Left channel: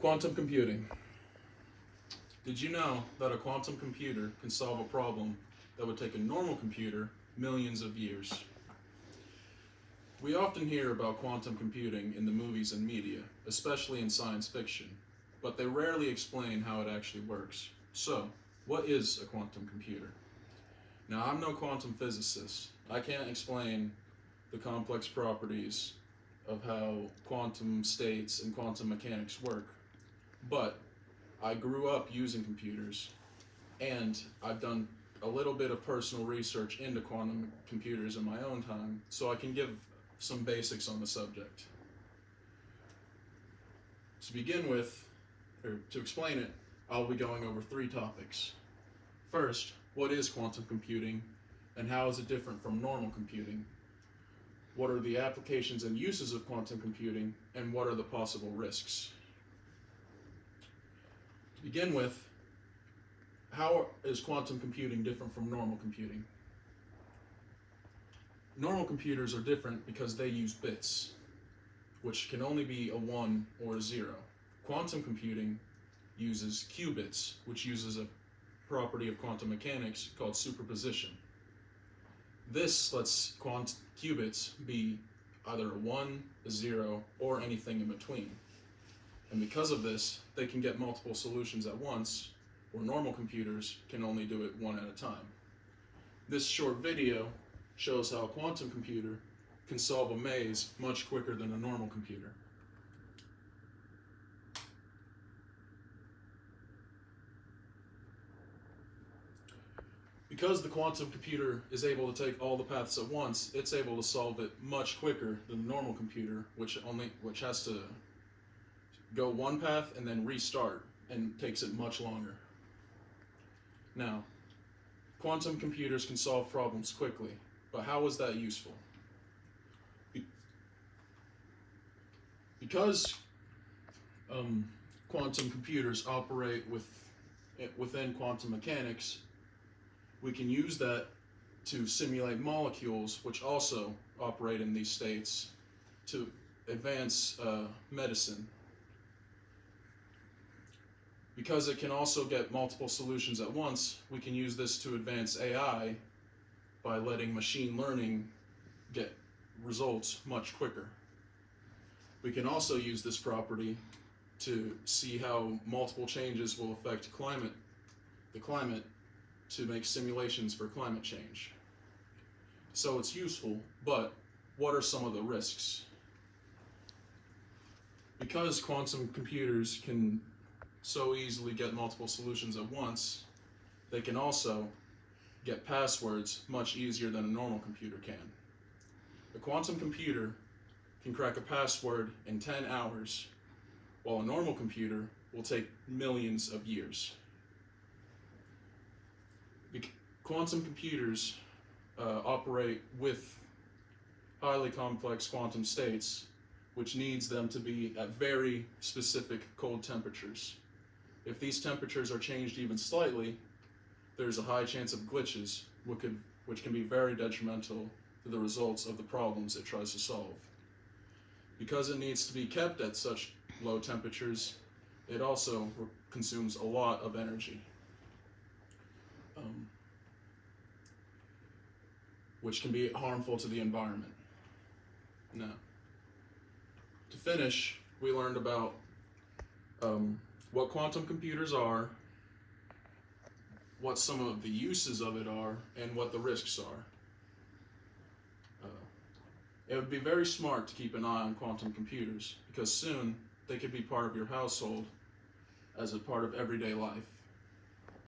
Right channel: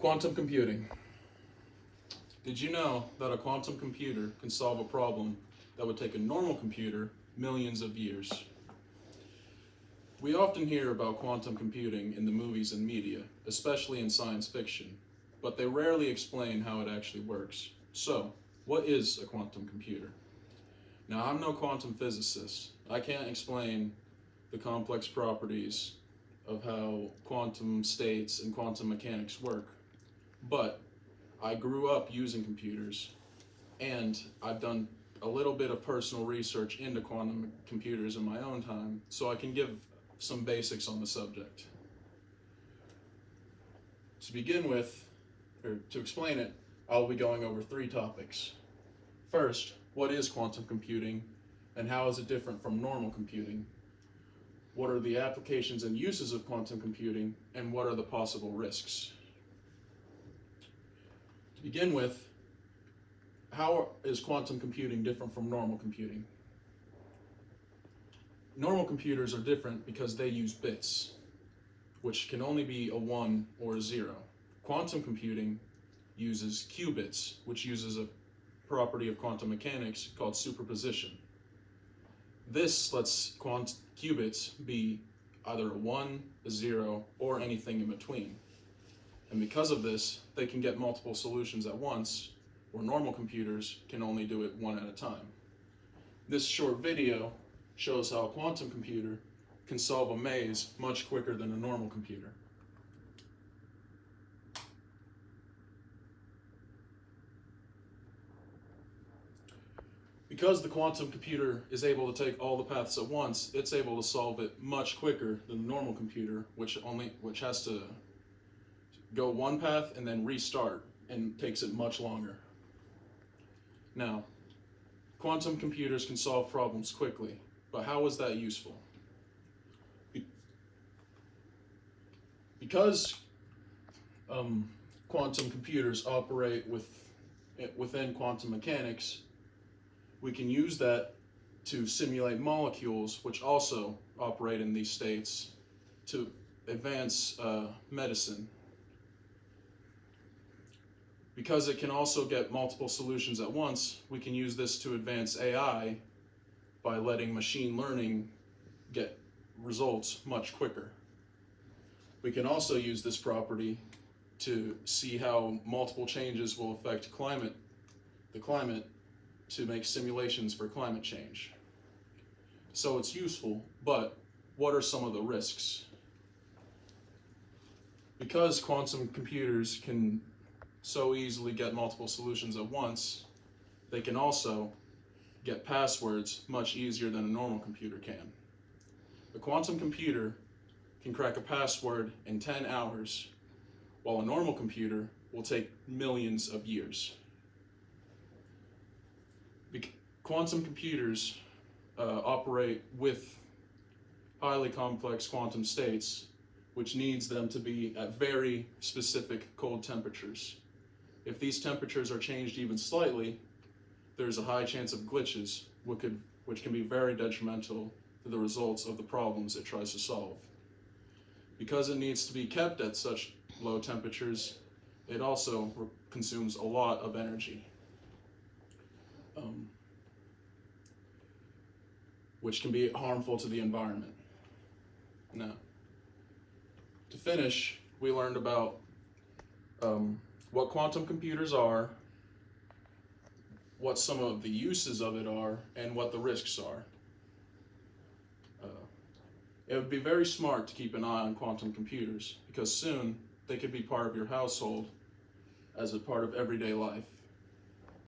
Quantum computing. Did you know that a quantum computer can solve a problem that would take a normal computer millions of years? We often hear about quantum computing in the movies and media, especially in science fiction, but they rarely explain how it actually works. So, what is a quantum computer? Now, I'm no quantum physicist. I can't explain the complex properties of how quantum states and quantum mechanics work, but I grew up using computers, and I've done a little bit of personal research into quantum computers in my own time, so I can give some basics on the subject. To begin with, or to explain it, I'll be going over 3 topics. First, what is quantum computing, and how is it different from normal computing? What are the applications and uses of quantum computing, and what are the possible risks? To begin with, how is quantum computing different from normal computing? Normal computers are different because they use bits, which can only be a 1 or a 0. Quantum computing uses qubits, which uses a property of quantum mechanics called superposition. This lets qubits be either a 1, a 0, or anything in between. And because of this, they can get multiple solutions at once, where normal computers can only do it one at a time. This short video shows how a quantum computer can solve a maze much quicker than a normal computer. Because the quantum computer is able to take all the paths at once, it's able to solve it much quicker than the normal computer, which has to go one path and then restart, and takes it much longer. Now, quantum computers can solve problems quickly, but how is that useful? Because quantum computers operate within quantum mechanics, we can use that to simulate molecules which also operate in these states to advance medicine. Because it can also get multiple solutions at once, we can use this to advance AI by letting machine learning get results much quicker. We can also use this property to see how multiple changes will affect the climate, to make simulations for climate change. So it's useful, but what are some of the risks? Because quantum computers can so easily get multiple solutions at once, they can also get passwords much easier than a normal computer can. A quantum computer can crack a password in 10 hours, while a normal computer will take millions of years. Quantum computers operate with highly complex quantum states, which needs them to be at very specific cold temperatures. If these temperatures are changed even slightly, there's a high chance of glitches, which can be very detrimental to the results of the problems it tries to solve. Because it needs to be kept at such low temperatures, it also consumes a lot of energy, which can be harmful to the environment. Now, to finish, we learned about what quantum computers are, what some of the uses of it are, and what the risks are. It would be very smart to keep an eye on quantum computers, because soon they could be part of your household as a part of everyday life.